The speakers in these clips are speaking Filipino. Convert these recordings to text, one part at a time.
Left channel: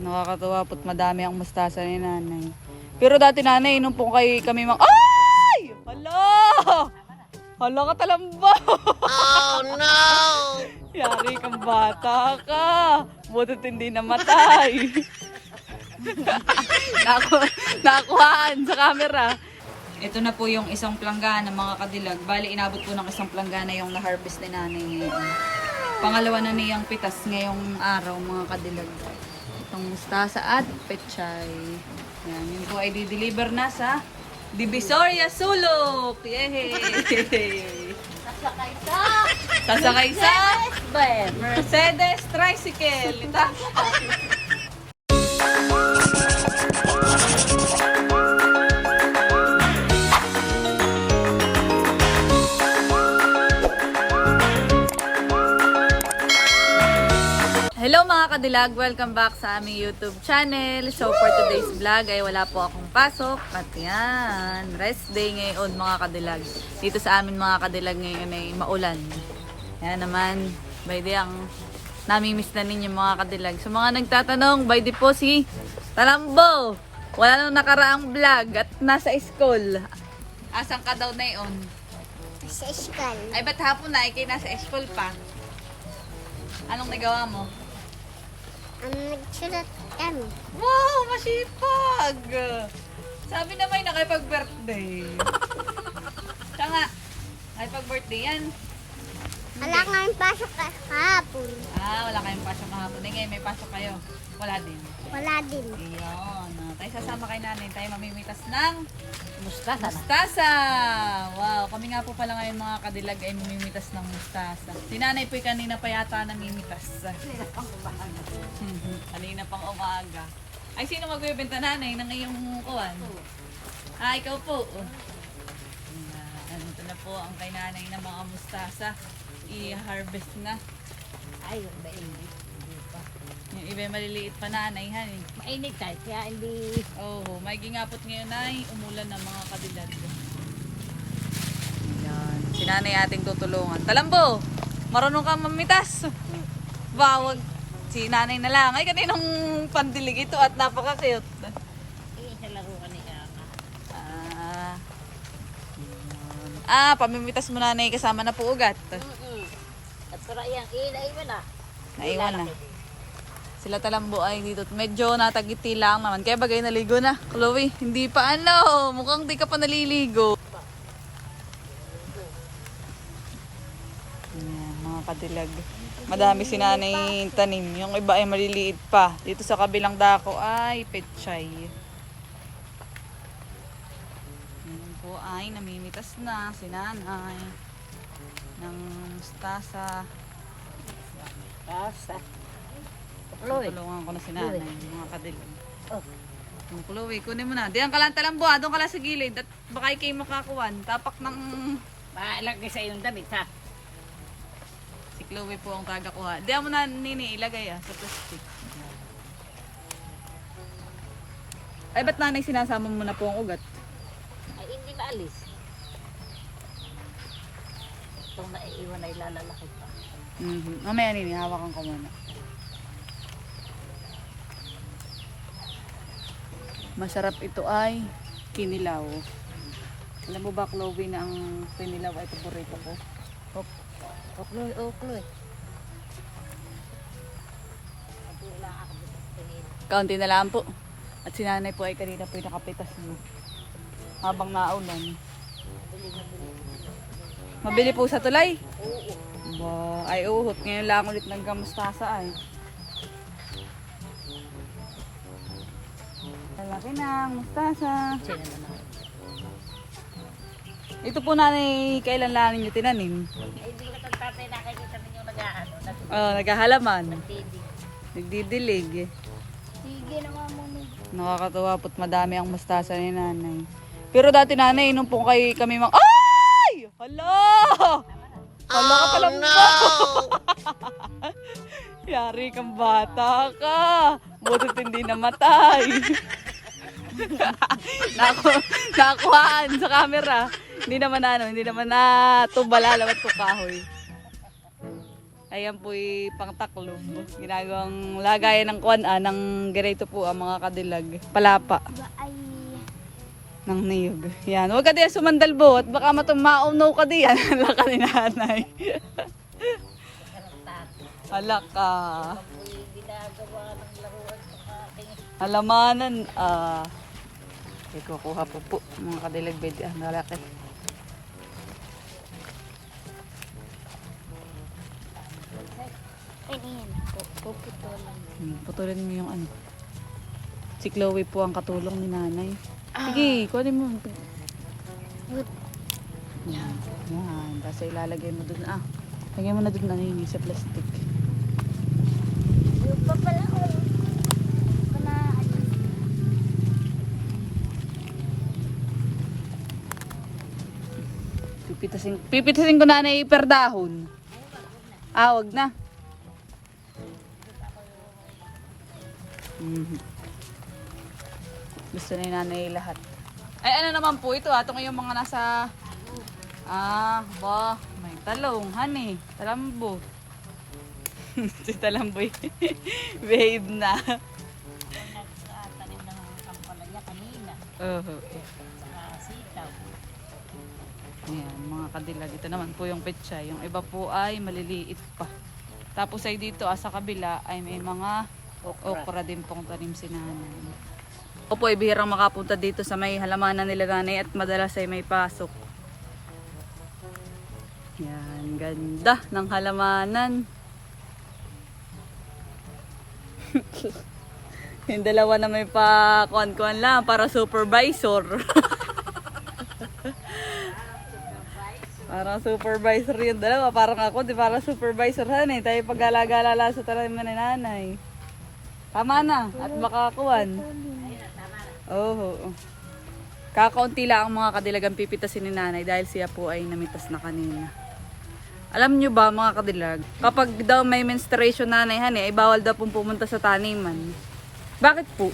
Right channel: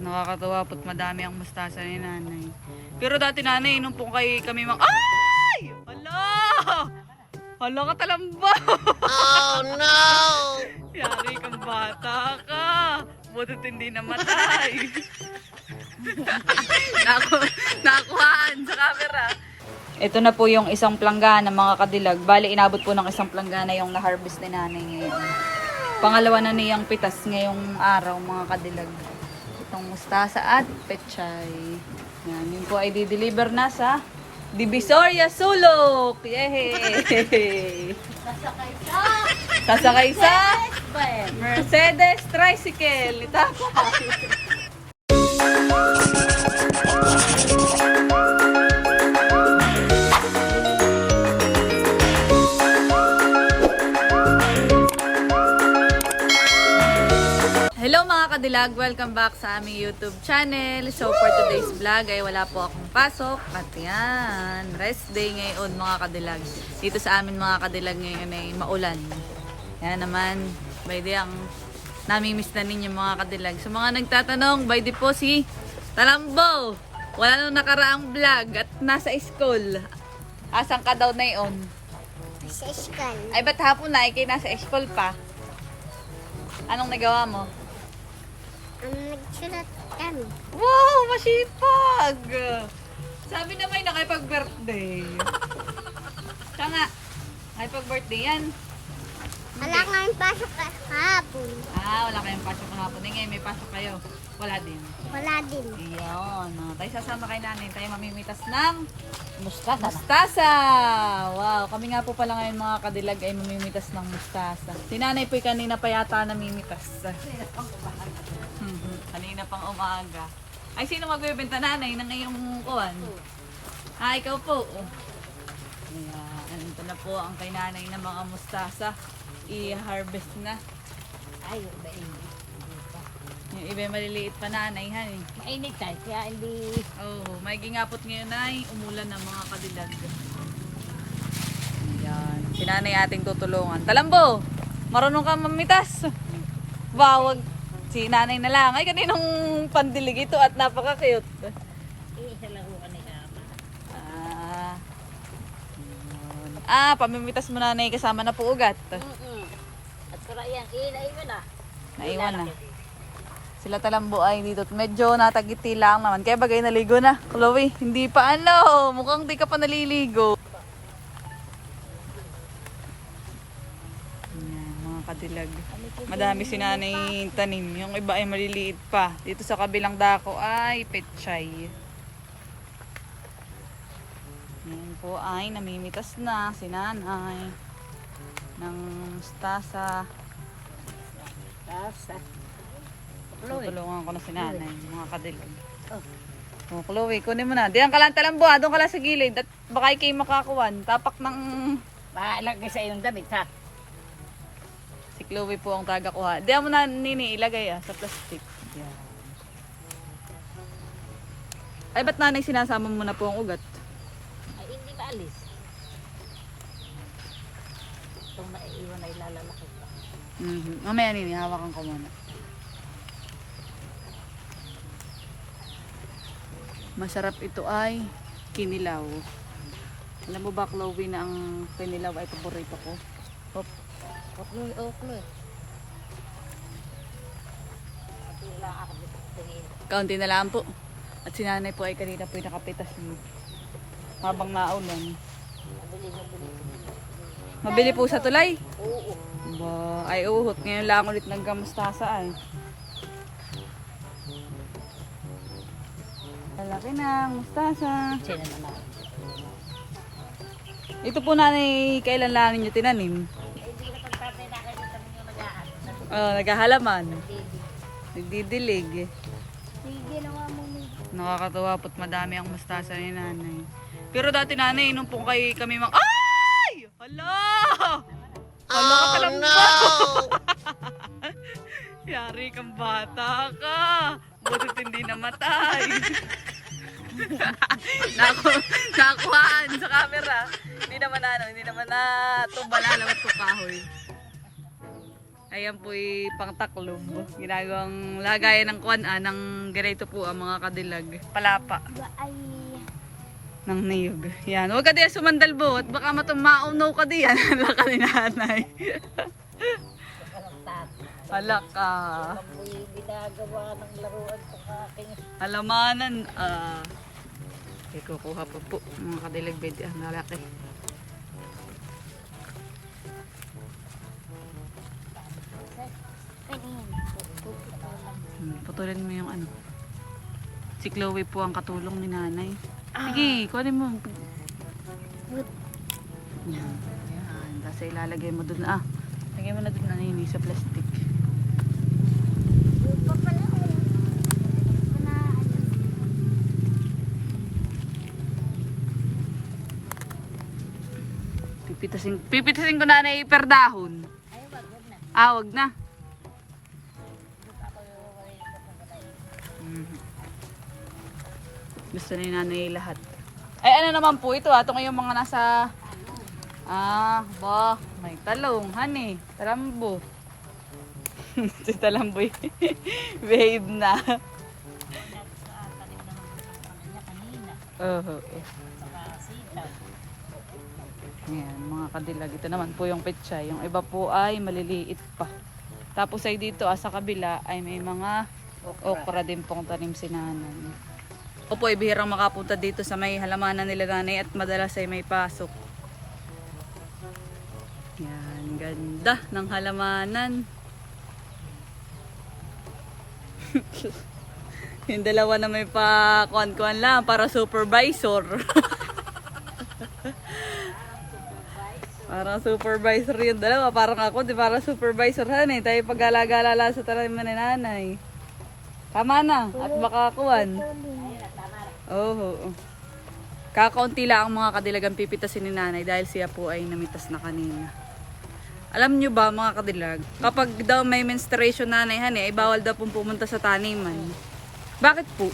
Nakakatawa po't madami ang mustasa ni nanay. Pero dati nanay, nung po kay kami mang... Ay! Hala! Hala ka talamba! Oh no! Yari kang bata ka. Butit hindi namatay. Naku, nakuhaan sa camera. Ito na po yung isang planggana mga kadilag. Bali, inabot po ng isang planggana yung na-harvest ni nanay ngayon. Pangalawa na niyang pitas ngayong araw mga kadilag. Itong mustasa at pechay. Yan, yun po ay di-deliver na sa Divisoria Sulok! Yay! Sasakay sa Mercedes Tricycle. Ito. Kadilag! Welcome back sa aming YouTube channel. So for today's vlog ay wala po akong pasok. At yan, rest day ngayon mga kadilag. Dito sa amin mga kadilag ngayon ay maulan. Yan naman, by the ang namimiss na ninyo mga kadilag. Sa mga nagtatanong, by the po si Talambo. Wala nang nakaraang vlog at nasa school. Asan ka daw na yun? Sa school. Ay, ba't hapon na? Ikay nasa school pa. Anong nagawa mo? Ang nagsulat kami. Wow, masipag! Sabi na may nakipag-birthday. Siya nga, nakipag-birthday yan. Wala kami pasok kahapon. Ah, wala kayong pasok kahapon. Eh, ngayon may pasok kayo. Wala din. Wala din. Iyon. Tayo sasama kay nanay. Tayo mamimitas ng Mustasa mustasa. Wow, kami nga po pala ngayon mga kadilag ay mamimitas ng mustasa. Si nanay po'y kanina pa yata namimitas. Kanina pang umaga. kanina pang umaga. Ay, sino magbebenta nanay ng iyong kuwan? Ah, ikaw po. Ayan, ito na po ang kay nanay ng mga mustasa. I-harvest na. Ay, mainit. Hindi. Yung iba yung maliliit pa nanay, han eh. Mainit tayo, kaya hindi... Oo, may gingapot ngayon ay umulan ng mga kadilag. Ayan. Si nanay ating tutulungan. Talambo! Marunong ka mamitas. Bawag. Si nanay na lang. Ay, kaninong pandilig ito at napaka-cute. Eh, sa laro ka ni Ama. Ah. Ayan. Ah, pamimitas mo nanay kasama na po ugat. Mm-mm. At para yan, ilay mo na. Naiwan na. Sila talambo ay dito. Medyo natagiti lang naman. Kaya bagay naligo na. Chloe, hindi pa ano. Mukhang di ka pa naliligo. Ayan, mga kadilag. Madami si nanay tanim. Yung iba ay maliliit pa. Dito sa kabilang dako ay petchay. Ayan po ay namimitas na si nanay ng mustasa. Tasa. Chloe. Tutulungan ko na si nanay, mga kadilag. Oh, Chloe, kunin mo na. Diyan ka lang talambo, ah. doon ka lang sa gilid. At baka ikay makakuwan. Tapak ng... Maalagay sa iyong damit, ha? Si Chloe po ang taga kuha. Diyan mo na nini ilagay ah, sa plastic. Ay, ba't nanay sinasama mo na po ang ugat? Ay, hindi na alis. Kung naiiwan ay lalaki. Mhm. Mamaya nini, hawakan ko muna. Masarap ito ay kinilaw. Alam mo ba, Chloe, na ang kinilaw ay paborito ko? Hop. Huwag mo yung uklo eh. Kaunti na lang po. At si nanay po ay kanina po yung nakapitas mo. Habang naulan. Mabili po sa tulay. Oo. Ba, ay uhot. Ngayon lang ulit ng gamustasa ay. Lalaki na, mustasa. Ito po nanay, kailan lang ninyo tinanim? Oh, naghahalaman. Nagdidilig. Nakakatawa po't madami ang mustasa ni nanay. Pero dati nanay, nung po kay kami mang... Ay! Hala! Hala ka talamba! Yari kang bata ka. Butit hindi namatay. Naku, nakuhaan sa camera. Hindi naman ano, hindi naman na tumbala lawat ko kahoy. Ayan po pang taklob. Ginagawang lagayan ng kuan ah, ng ganito po ang mga kadilag. Palapa ay... ng niyog. Yan. Huwag ka diyan sumandal bot. Baka matumaunaw ka diyan. Hala ka ni nanay. Hala ka. Ginagawa ng aking Halamanan. Ah. Okay, kukuha pa po. Mga kadilag bedi. Ah? Pupit ko lang. Hmm, putulin mo yung ano. Si Chloe po ang katulong ni nanay. Sige, kunin mo. Yan. Yan. Tapos ilalagay mo dun. Ah, lagay mo na dun nanini sa plastic. Pipitasin, pipitasin ko na na iperdahon. Ah, wag na. Mhm. Gusto ni nanay lahat. Ay, ano naman po ito ah. Ito yung mga nasa... Ah, ba. May talong, honey. Talambo. si talambo eh. Babe na. Oo. Saka sitaw. Ayan, mga kadilag. Ito naman po yung petsa. Yung iba po ay maliliit pa. Tapos ay dito ah, sa kabila ay may mga okra din pong tanim si nanay. Opo, ay bihirang makapunta dito sa may halamanan nila nanay at madalas ay may pasok. Yan, ganda ng halamanan. Yung dalawa na may pa kuan-kuan lang para supervisor. Parang supervisor yung dalawa. Parang ako, di para supervisor han eh. Tayo pag-alala-alala sa taliman ni nanay. Tama na. At makakuan. Oo. Kakaunti lang ang mga kadilagang pipitasin ni nanay dahil siya po ay namitas na kanina. Alam nyo ba mga kadilag, kapag daw may menstruation nanay hani, ay bawal daw pong pumunta sa taniman. Bakit po?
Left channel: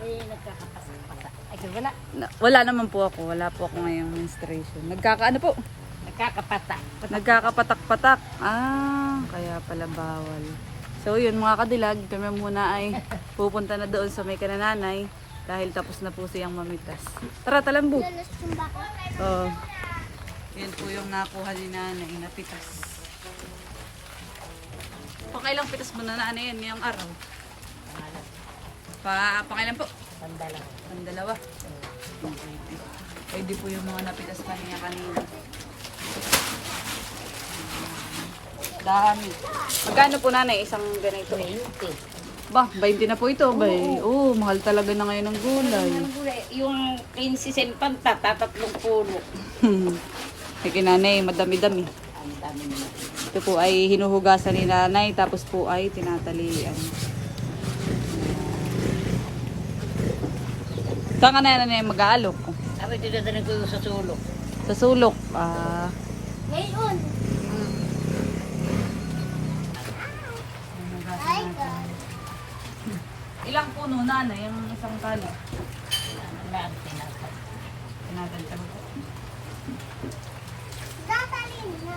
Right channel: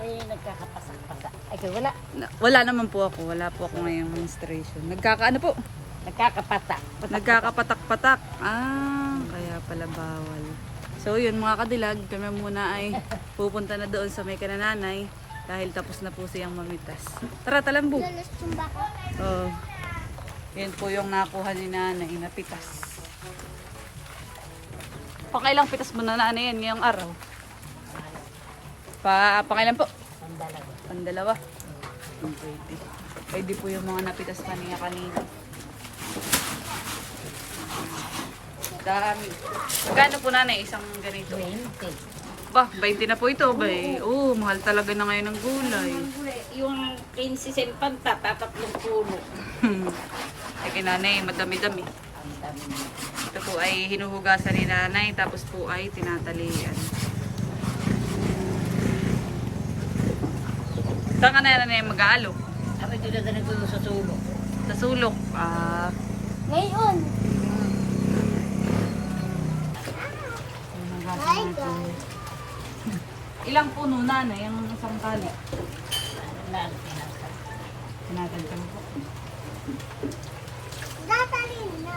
Ay, nagkakapasak-pasak. Ay, wala. Na- wala naman po ako. Wala po ako ngayong menstruation. Nagkakaano po? Nagkakapasak. Nagkakapatak-patak. Ah, kaya pala bawal. So yun mga kadilag, kami muna ay pupunta na doon sa may kanananay dahil tapos na po siyang mamitas. Tara, baka. Oh. Yan po yung nakuha ni nanay na pitas. Pakailang pitas mo na na ano yan ngayong araw? Pa, pakailan po? Sandala. Pandalawa. Pwede. Pwede po yung mga napitas pa niya kanina. Dami. Magkano po nanay isang ganito? 20. Ba, 20 na po ito, bay. Oo, oh, mahal talaga na ngayon ng gulay. Yung 15 sempanta, tatatlong puno. Sige nanay, madami-dami. Ito po ay hinuhugasan ni nanay, tapos po ay tinatalian. Saan ka na nanay mag-aalok? Sabi, dinadanig ko sa sulok. Sa sulok. Ah, Ngayon. Ilang puno nanay ang isang tali? Wala ang tinatay. Tinatalian po. Tatalin na.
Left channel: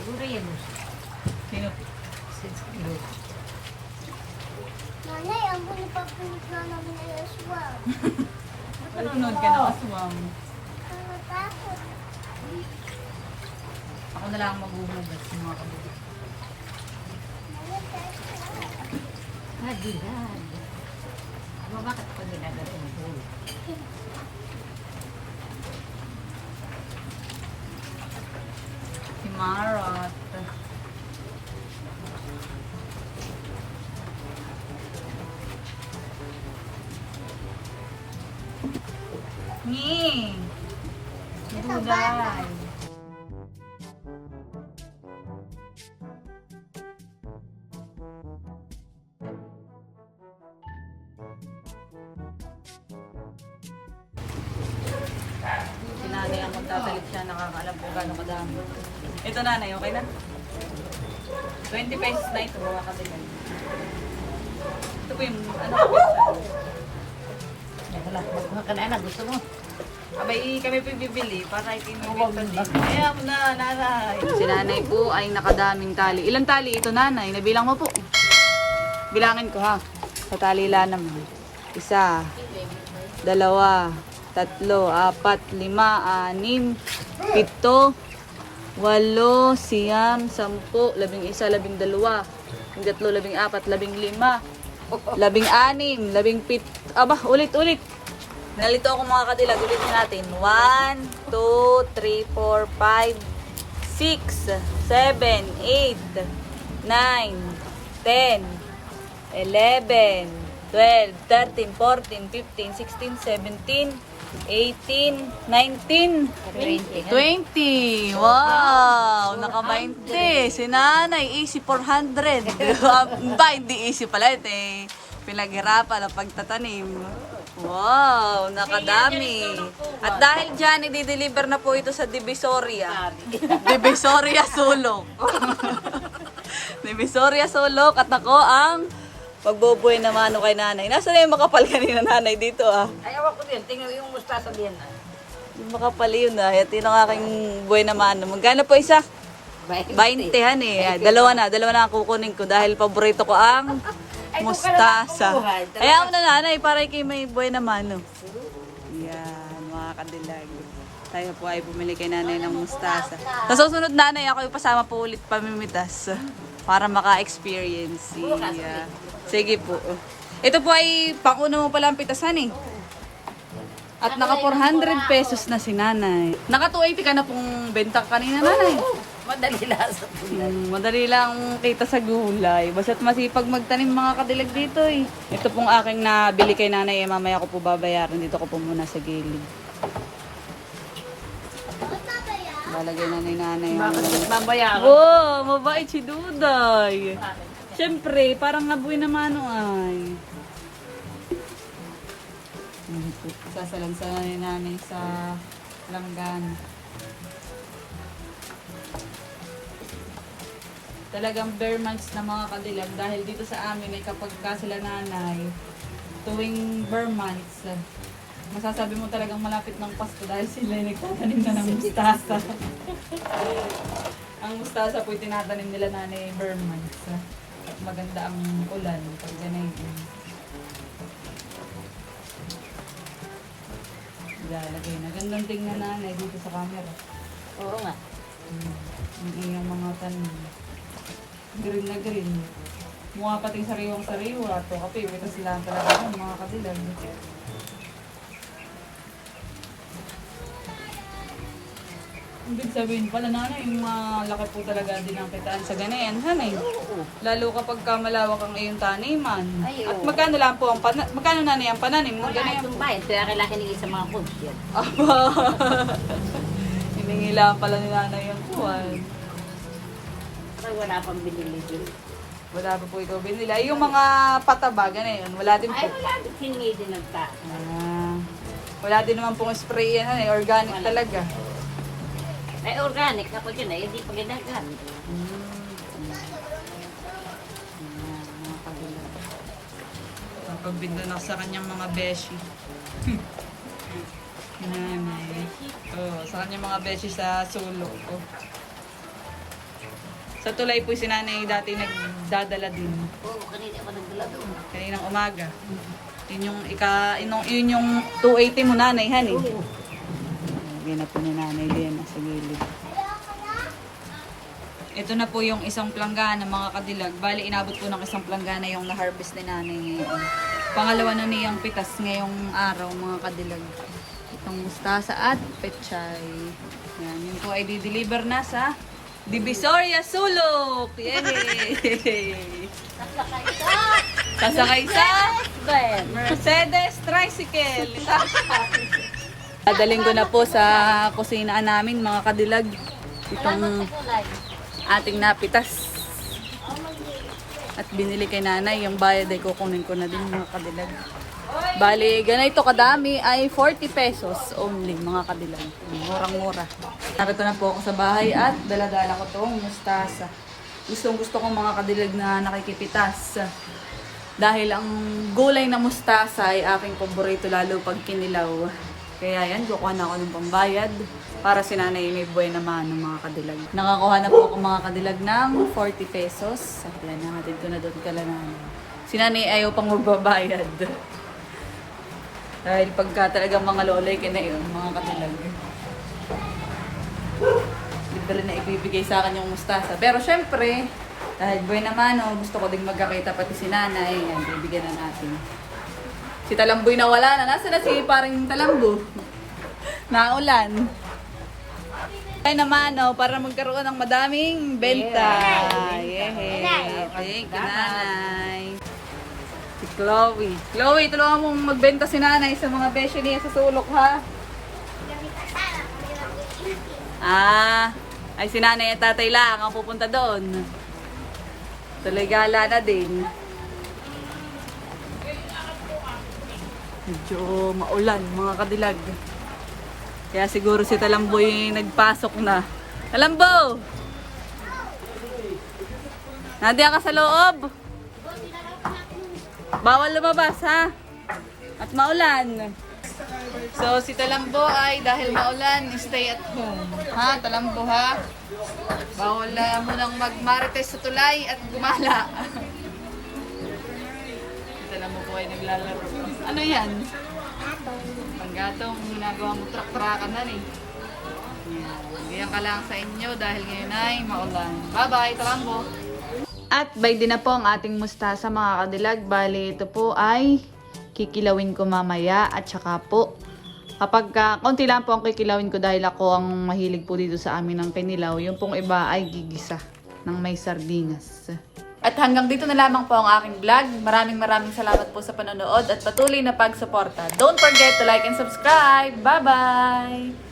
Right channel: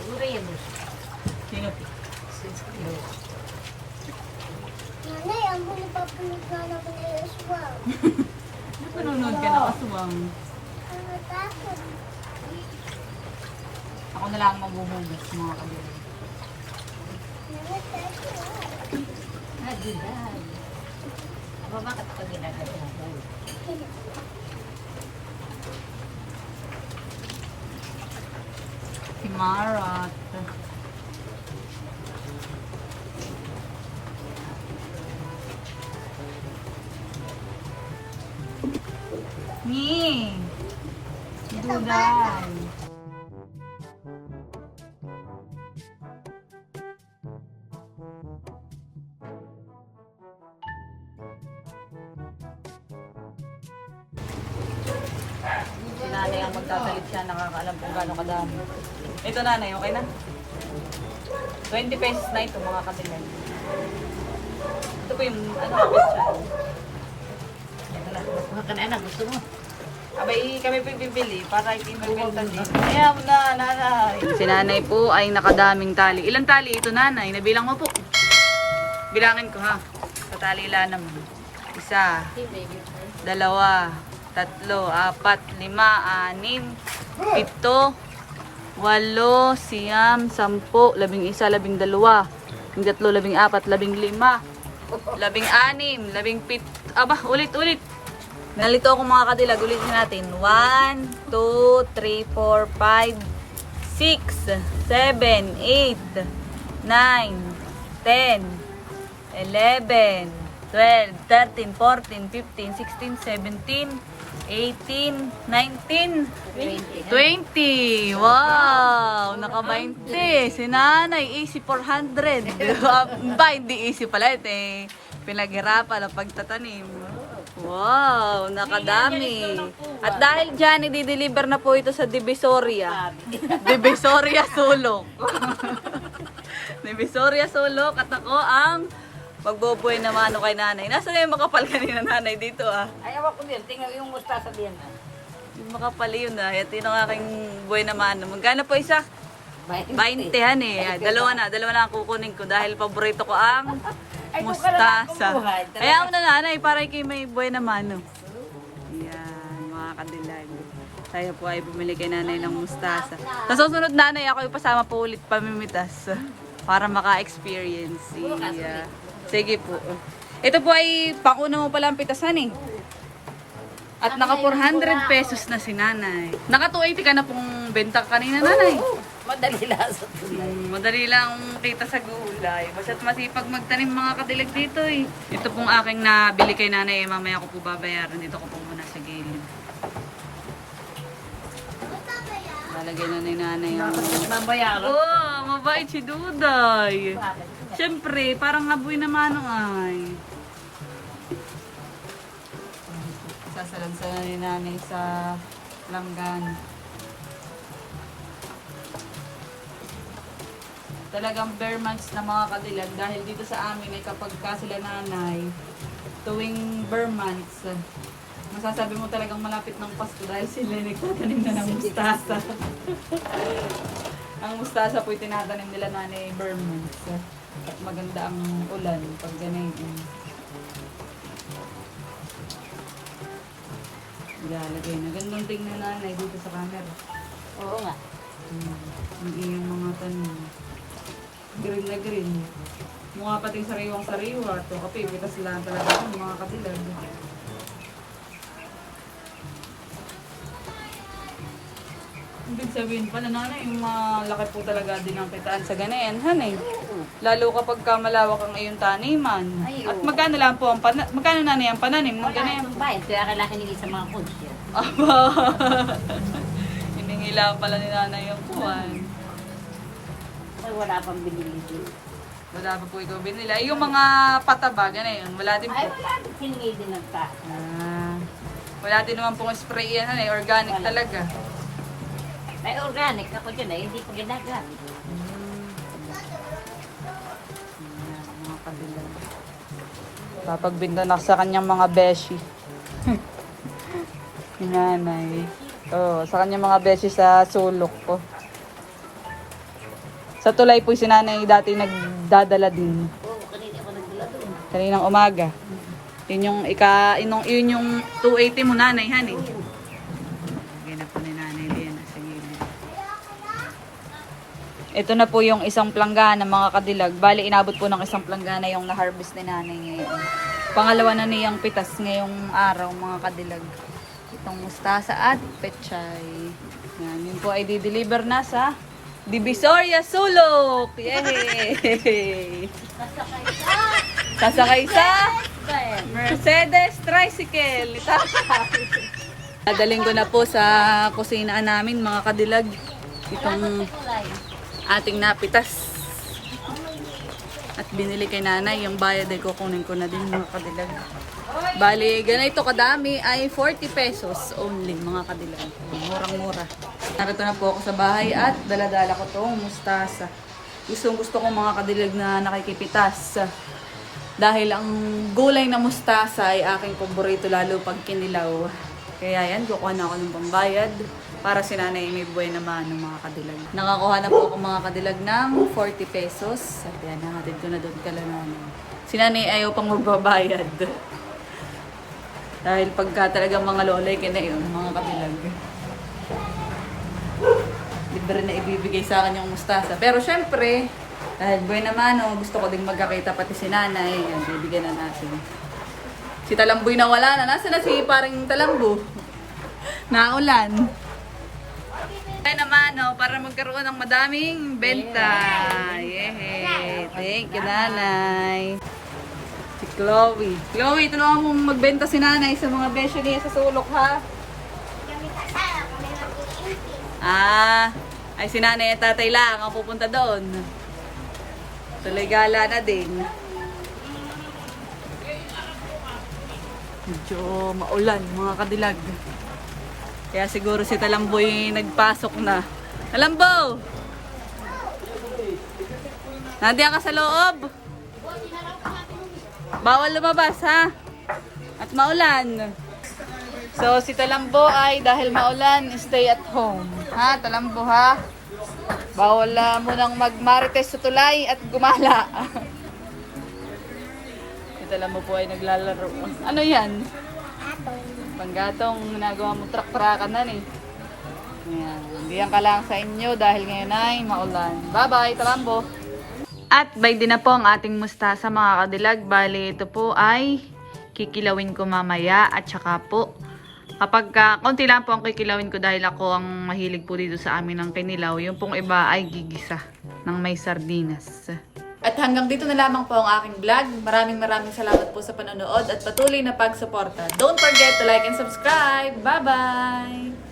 Siguro yan. Sino? Nanay, ang mga papunod na naman ay aswang. Nanonood ka na aswang. Natakot. Ako na lang maghuhugas mga kabila. Hadihan. Aba, bakit pa ginagawa ng puno? Himarat. Ni. Si nanay ang magtatalip siya, nakakaalam kung gano'ng kadami. Ito nanay, okay na? 20 pesos na ito, mga kabilan. Ito po yung, ano, kapit siya. Nagala, magkuha ka na, anak. Gusto mo? Abay, kami pa bibili para ikinabintan. Kaya mo na, nanay. Si nanay po ay nakadaming tali. Ilang tali ito nanay? Nabilang mo po. Bilangin ko ha. Sa talila naman. Isa, dalawa, tatlo, apat, lima, anim, pito, walo, siyam, sampu, labing isa, labing dalawa, labing tatlo, labing apat, labing lima, labing anim, labing pit... Aba, ulit, ulit. Nalito ako mga kadilag. Ulitin natin. 1, 2, 3, 4, 5, 6, 7, 8, 9, 10, 11, 12, 13, 14, 15, 16, 17, 18, 19, 20. Wow! Naka 20. Si nanay, easy 400. ba, hindi easy pala. Ito eh. Pinaghirapan ang pagtatanim. Wow! Nakadami. At dahil dyan, i-deliver na po ito sa Divisoria. Divisoria Sulok. Divisoria Sulok. At ako ang magbubuhay na mano kay nanay. Nasaan na yung makapal kanina nanay dito ah? Ay, awa ko din. Tingnan yung mustasa din. Yung Makapal yun ah. Ito yung aking buhay na mano. Magkano po isa? 20 han eh. Ah, Dalawa na. Dalawa na ang kukunin ko dahil paborito ko ang mustasa. Ayaw mo na nanay para kay may buhay na mano. Yan, mga kadilag. Tayo po ay bumili kay nanay ng mustasa. Sa susunod nanay, ako ipasama po ulit pamimitas para maka-experience. Yeah. Sige po. Ito po ay panguna mo pala ang pitasan eh. At naka 400 pesos na si nanay. Naka 280 ka na pong benta kanina nanay. Madali lang sa tulay. Mm, madali lang kita sa gulay. Basta't masipag magtanim mga kadilag dito eh. Ito pong aking nabili kay nanay, eh, mamaya ko po babayaran. Dito ko po muna sa gilid. Lalagay na ni nanay ang... Bakit babayaran? Oh, mabait si Duday. Siyempre, parang ngaboy naman o ay. Sasalansan na ni nanay sa langgan. Talagang bare months na mga kadilag dahil dito sa amin ay kapag ka sila nanay, tuwing bare months, masasabi mo talagang malapit ng Pasko dahil sila ay nagtatanim na ng mustasa. ang mustasa po tinatanim nila nanay bare months. At maganda ang ulan pag ganyan. Ilalagay na. Gandang tingnan nanay dito sa camera. Oo nga. Hmm. Ang iyong mga tanim. Green na green. Mukha pating sariwang sariwa. Ito kape, kita sila talaga ang mga katilag. Ibig sabihin pala nanay, yung mga laki po talaga din ang kitaan sa ganayan, hanay. Lalo kapag ka malawak ang iyong taniman. Ay, At oo. magkano lang po ang pana magkano nanay ang pananim ng Wala ganayan? itong bayan. Kaya kailangan nigay sa mga coach yan. Aba. Hiningi lang pala ni nanay yung kuwan. Kasi wala pang binili din. Wala pa po ikaw binila. Yung mga pataba, ganayon, wala din po. Ay, wala din hiningi din ng ta. Ah, wala din naman pong spray yan, eh, organic Wala. talaga. Ay, organic ako dyan eh. Hindi pa ginagamit. Mm. Ayan, mga kabilang. Papagbinta na sa kanyang mga beshi. Nanay. Oh, sa kanyang mga beshi sa sulok ko. Sa tulay po si nanay dati nagdadala din. Oo, kanina ako nagdala doon. Kaninang umaga. Yun yung ika, yun, yung- yun yung 280 mo nanay, han eh. Po ni nanay din sa gilid. Ito na po yung isang planggana mga kadilag. Bali, inabot po ng isang planggana yung na-harvest ni nanay ngayon. Pangalawa na niyang pitas ngayong araw mga kadilag. Itong mustasa at pechay. Yan, yun po ay di-deliver na sa Divisoria Sulok! Yay! Sasakay sa Mercedes Tricycle. Tatay. Dadaling ko na po sa kusinaan namin mga kadilag. Itong ating napitas. At binili kay nanay, yung bayad ay kukunin ko na din mga kadilag. Bali, ganito kadami ay 40 pesos only mga kadilag. Murang-mura. Narito na po ako sa bahay at daladala ko tong mustasa. Gustong gusto ko mga kadilag na nakikipitas. Dahil ang gulay na mustasa ay aking paborito lalo pag kinilaw. Kaya yan, kukuha na ako ng pambayad para si nanay may buhay naman ng mga kadilag. Nakakuha na po ako mga kadilag ng 40 pesos. At yan, nahatid ko na doon kala nanay. Si nanay ayaw pang magbabayad. Dahil pagka talagang mga lolay ka na yun, mga kadilag. Libre na ibibigay sa akin yung mustasa. Pero syempre, dahil buhay naman, oh, gusto ko ding magkakita pati si nanay. Yan, bibigyan na natin. Si Talamboy na wala na. Nasaan na si parang Talambo? Naulan. Ay naman, oh, para magkaroon ng madaming benta. Yehey. Thank you, nanay. Si Chloe. Chloe, tulungan mong magbenta si nanay sa mga besyo niya sa sulok, ha? Ah, ay si nanay at tatay lang ang pupunta doon. Tuloy gala na din. Medyo maulan, mga kadilag. Kaya siguro si Talamboy nagpasok na. Talambo! Nandiyan ka sa loob. Bawal lumabas, ha? At maulan. So, si Talambo ay dahil maulan, stay at home. Ha, Talambo, ha? Bawal na munang magmarites sa tulay at gumala. si Talambo po ay naglalaro. Ano yan? Panggatong ginagawa mo trak-trakan na eh. Yan. Diyan ka lang sa inyo dahil ngayon ay maulan. Bye-bye, Talambo! At by din na po ang ating mustasa mga kadilag. Bali, ito po ay kikilawin ko mamaya at saka po kapag ka, konti lang po ang kikilawin ko dahil ako ang mahilig po dito sa amin ng kinilaw. Yung pong iba ay gigisa ng may sardinas. At hanggang dito na lamang po ang aking vlog. Maraming maraming salamat po sa panonood at patuloy na pagsuporta. Don't forget to like and subscribe. Bye-bye!